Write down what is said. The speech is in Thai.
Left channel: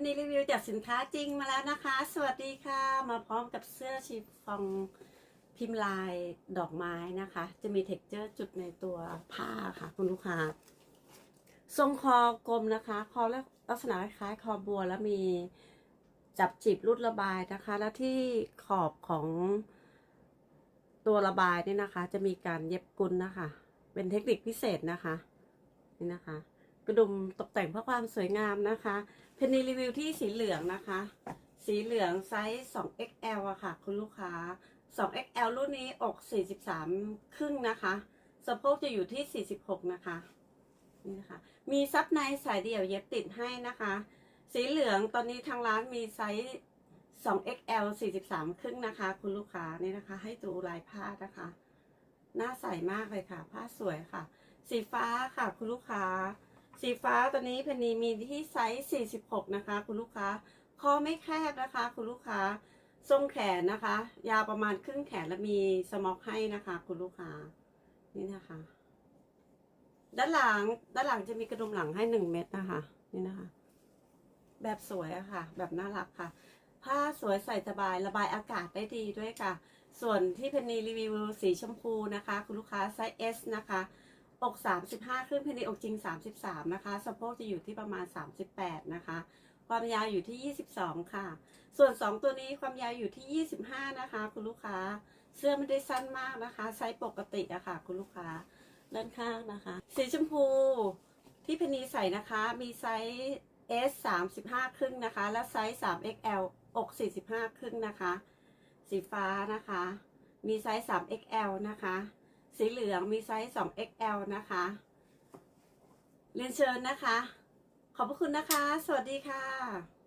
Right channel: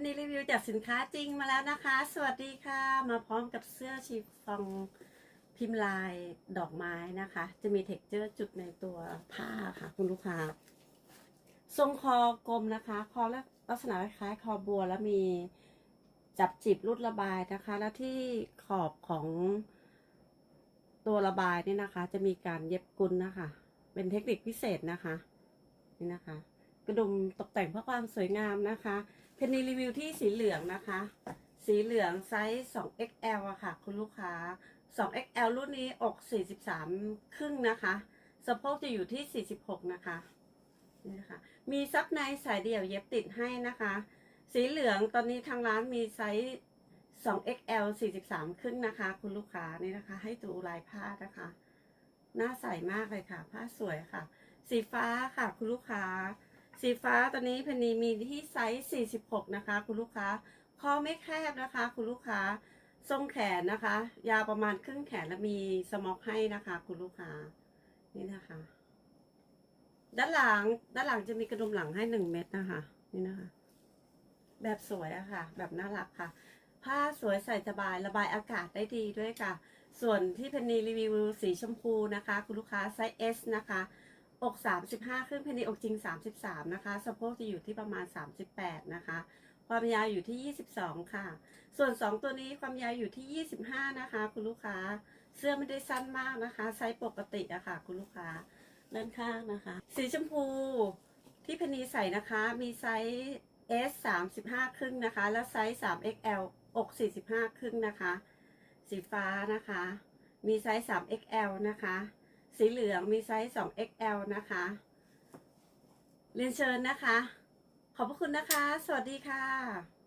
นนีรีวิวจากสินค้าจริงมาแล้วนะคะ สวัสดีค่ะ มาพร้อมกับเสื้อชีฟองพิมพ์ลายดอกไม้นะคะ จะมีเท็กเจอร์จุดในตัวผ้าค่ะ คุณลูกค้า ทรงคอกลมนะคะ คอลักษณะคล้ายคอบัวแล้วมีจับจีบรุดระบายนะคะ แล้วที่ขอบของตัวระบายนี่นะคะ จะมีการเย็บกุลนะคะ เป็นเทคนิคพิเศษนะคะ นี่นะคะ กระดุมตกแต่งเพื่อความสวยงามนะคะ เพนนีรีวิวที่สีเหลืองนะคะ สีเหลืองไซส์ 2XL อะค่ะ คุณลูกค้า 2XL รุ่นนี้อก 43 ครึ่งนะคะ สะโพกจะอยู่ที่ 46 นะคะ นี่นะคะ มีซับในสายเดี่ยวเย็บติดให้นะคะ สีเหลืองตอนนี้ทางร้านมีไซส์ 2XL 43 ครึ่งนะคะ คุณลูกค้านี่นะคะ ให้ดูลายผ้านะคะน่าใส่มากเลยค่ะ ผ้าสวยค่ะ สีฟ้าค่ะ คุณลูกค้า สีฟ้าตอนนี้เพนนีมีที่ไซส์ 46 นะคะ คุณลูกค้าคอไม่แคบนะคะ คุณลูกค้าทรงแขนนะคะ ยาวประมาณครึ่งแขนและมีสม็อกให้นะคะ คุณลูกค้านี่นะคะ ด้านหลังด้านหลังจะมีกระดุมหลังให้หนึ่งเม็ดนะคะ นี่นะคะ แบบสวยอะค่ะ แบบน่ารักค่ะ ผ้าสวยใส่สบายระบายอากาศได้ดีด้วยค่ะ ส่วนที่เพนนีรีวิวสีชมพูนะคะ คุณลูกค้าไซส์ S นะคะ อก 35 ขึ้นเพนนีอกจริง 33 นะคะ สะโพกจะอยู่ที่ประมาณ 38 นะคะ ความยาวอยู่ที่ 22 ค่ะ ส่วน 2 ตัวนี้ความยาวอยู่ที่ 25 นะคะ คุณลูกค้า เสื้อไม่ได้สั้นมากนะคะ ไซส์ปกติอะค่ะ คุณลูกค้า ด้านข้างนะคะ สีชมพูที่เพนีใส่นะคะ มีไซส์ S 35 ครึ่งนะคะ และไซส์ 3XL อก 45 ครึ่งนะคะ สีฟ้านะคะ มีไซส์ 3XL นะคะ สีเหลืองมีไซส์ 2XL นะคะ เรียนเชิญนะคะ ขอบพระคุณนะคะ สวัสดีค่ะ